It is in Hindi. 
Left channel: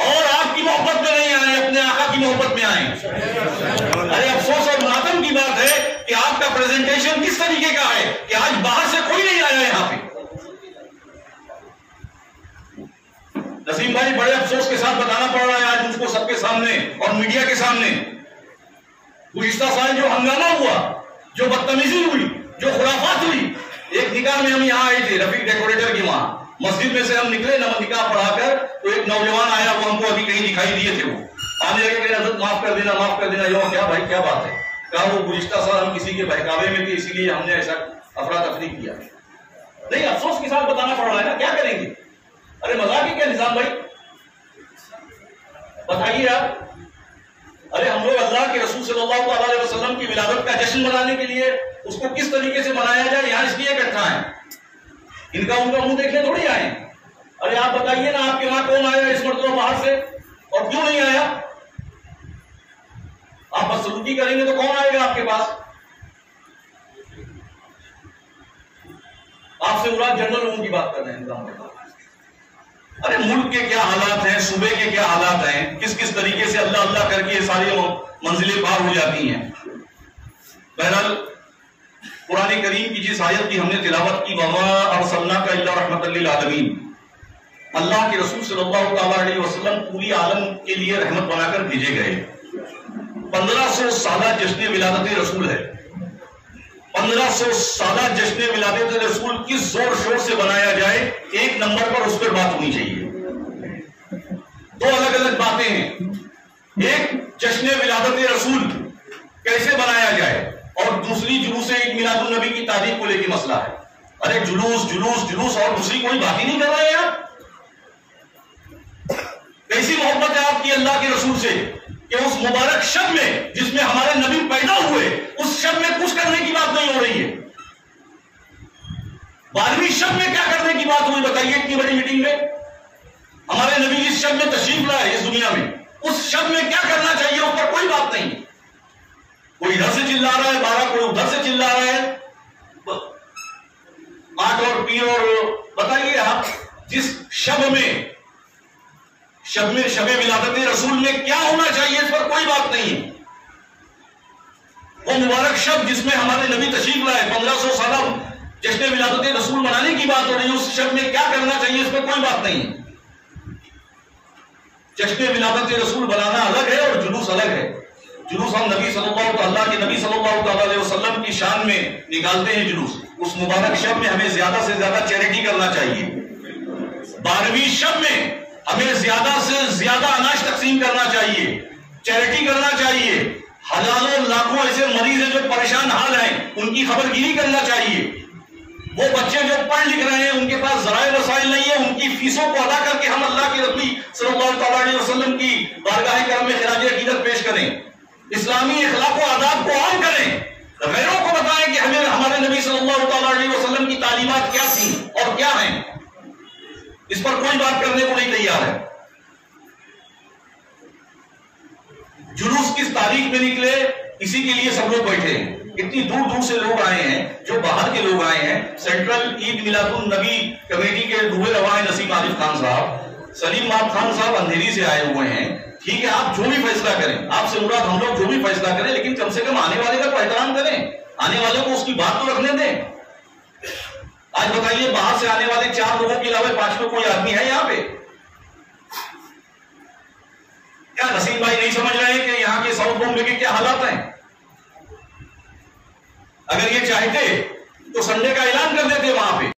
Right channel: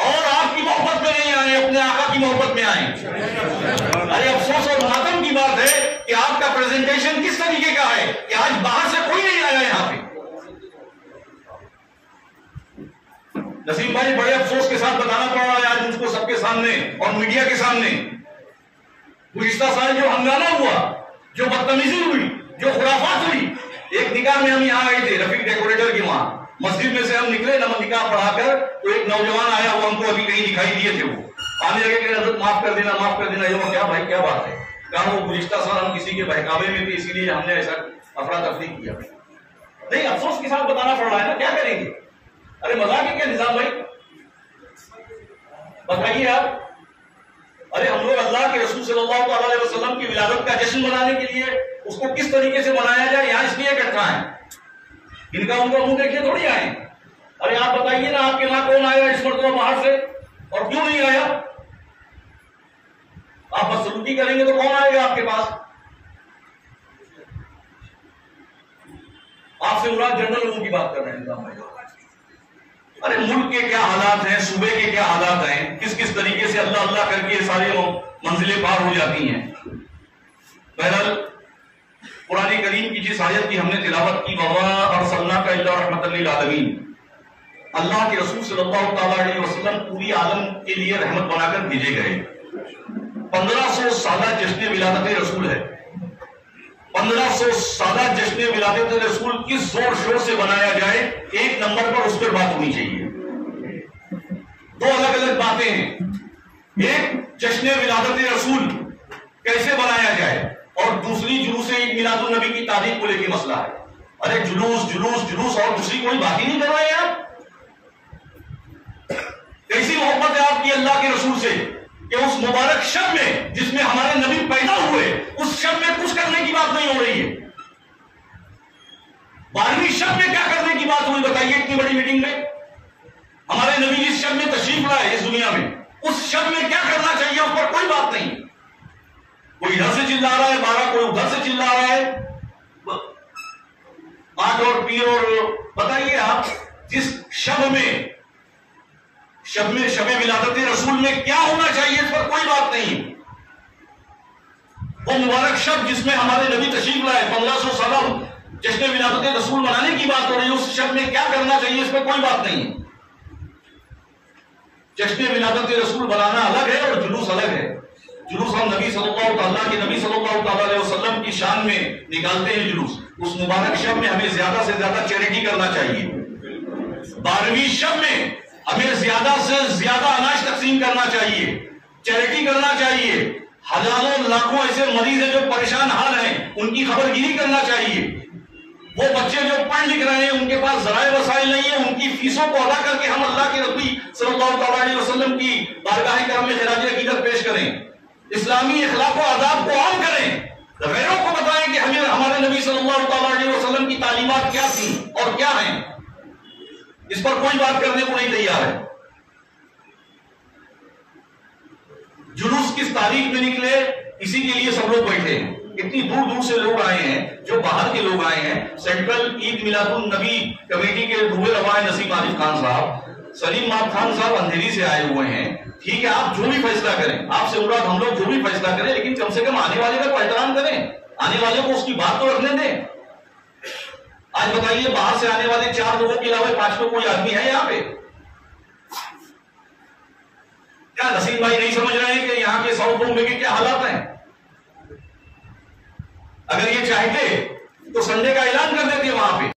और आपकी मोहब्बत में नहीं आए, अपने आका की मोहब्बत में आए। अरे अफसोस और मातम की बात है कि आपका प्रेजेंटेशन किस तरीके का है कि आज बाहर से कोई नहीं आया यहां पे। नसीम भाई, बड़े अफसोस के साथ बताना पड़ रहा है आज मुझको सबके सामने और मीडिया के सामने, गुज़िश्ता साल जो हंगामा हुआ, जो बदतमीजी हुई, जो खुराफात हुई। एक निकाह में हम यहाँ आए थे रफीक डेकोरेटर की, वहां मस्जिद में से हम निकले ना निकाह पढ़ाकर, तो एक नौजवान आया, वो हमको अभी कहीं दिखाई दिए थे, वो आने लगे कि हज़रत माफ कर देना, माफ कर देना। यो क्या भाई, क्या बात है? कहा वो गुज़िश्ता साल हम किसी के बहकावे में थे, इसीलिए हमने ऐसा अफरा तफरी किया। नहीं, अफसोस के साथ बताना पड़ रहा है ना, क्या करेंगे? अरे मजाक ही क्या निजाम भाई, बताइए आप। अरे हम लोग अल्लाह के रसूल सल्लल्लाहु अलैहि वसल्लम की विलादत का जश्न मनाने के लिए उसको किस तरीके से मनाया जाए, यहां इसलिए इकट्ठा है। इनका उनका मुंह देखने थोड़ी आए। अरे आप बताइए ना, आपके वहां कौन आया इस मरतबा बाहर से, और क्यों नहीं आया? आप बदसलूकी करेंगे तो कौन आएगा आपके पास? आपसे मुराद जनरल लोगों की बात कर रहे हैं निजाम भाई। अरे मुल्क के क्या हालात हैं, सूबे के क्या हालात हैं, किस किस तरीके से अल्लाह अल्लाह करके ये सारी मंजिलें पार हो जाती हैं। बहरहाल कुरान करीम की जिस आयत की हमने तिलावत की, वमा अरसलनाका इल्ला रहमतल लिल आलमीन, अल्लाह के रसूल सल्लल्लाहु अलैहि वसल्लम पूरी आलम के लिए रहमत बनाकर भेजे गए। 1500 साल जश्न विलादत रसूल है। 1500 साल जश्न विलादत रसूल किस जोर शोर से बनाया जाए, एक नंबर पर उस पर बात होनी चाहिए। दो अलग अलग बातें हैं। एक जश्न विलादत रसूल कैसे बनाया जाए, और दूसरी जुलूस ईद मिलादुन नबी की तारीख को लेकर मसला है। अरे जुलूस जुलूस जुलूस और दूसरी कोई बात ही नहीं कर रहे हैं आप। कैसी मोहब्बत है आपकी अल्लाह के रसूल से कि उस मुबारक शब में जिसमें हमारे नबी पैदा हुए, उस शब में कुछ करने की बात नहीं हो रही है। 12वीं शब में क्या करने की बात हुई बताइए, इतनी बड़ी मीटिंग में? हमारे नबी जिस शब में तशरीफ लाए इस दुनिया में, उस शब में क्या करना चाहिए, उस पर कोई बात नहीं। कोई इधर से चिल्ला रहा है 12, कोई उधर से चिल्ला रहा है 8 और पी। और बताइए आप, जिस शब में शबे विलादत रसूल में क्या होना चाहिए, इस पर कोई बात नहीं। वो मुबारक शब जिसमें हमारे नबी तशरीफ लाए, 1500 साल जश्न विलादत रसूल मनाने की बात हो रही है, उस शब में क्या करना चाहिए, इस पर कोई बात नहीं। जश्न विलादत रसूल बनाना अलग है और जुलूस अलग है। जुलूस हम नबी सल्लल्लाहु अलैहि वसल्लम की शान में निकालते हैं जुलूस। उस मुबारक शब में हमें ज्यादा से ज्यादा चैरिटी करना चाहिए। 12वीं शब में हमें ज्यादा से ज्यादा अनाज तकसीम करना चाहिए, चैरिटी करना चाहिए। हजारों लाखों ऐसे मरीज हैं जो परेशान हाल हैं, उनकी खबरगिरी करना चाहिए। वो बच्चे जो पढ़ लिख रहे हैं, उनके पास ज़राए वसाइल नहीं है, उनकी फीसों को अदा करके हम अल्लाह के रसूल सल्लल्लाहु अलैहि वसल्लम की बारगाह करम में खिराज अकीदत पेश करें, इस्लामी अखलाक व आदाब को आम करें, गैरों को बताएं कि हमें हमारे नबी सल्लल्लाहु अलैहि वसल्लम की तालीमात क्या थी और क्या हैं। इस पर कोई बात करने को नहीं तैयार है। जुलूस किस तारीख में निकले, इसी के लिए सब लोग बैठे हैं। इतनी दूर दूर से लोग आए हैं, जो बाहर के लोग आए हैं। सेंट्रल ईद मिलादुन नबी कमेटी के दुबे रवाए नसीम आरिफ खान साहब, सलीम माब खान साहब अंधेरी से आए हुए हैं। ठीक है, आप जो भी फैसला करें, आपसे मुराद हम लोग जो भी फैसला करें, लेकिन कम से कम आने वाले का एहतराम करें, आने वाले को उसकी बात तो रखने दें। आज बताइए, बाहर से आने वाले 4 लोगों के अलावा 5 कोई आदमी है यहाँ पे? क्या नसीम भाई नहीं समझ रहे हैं कि यहाँ के साउथ बॉम्बे के क्या हालात हैं? अगर ये चाहते तो संडे का ऐलान कर देते वहां पे।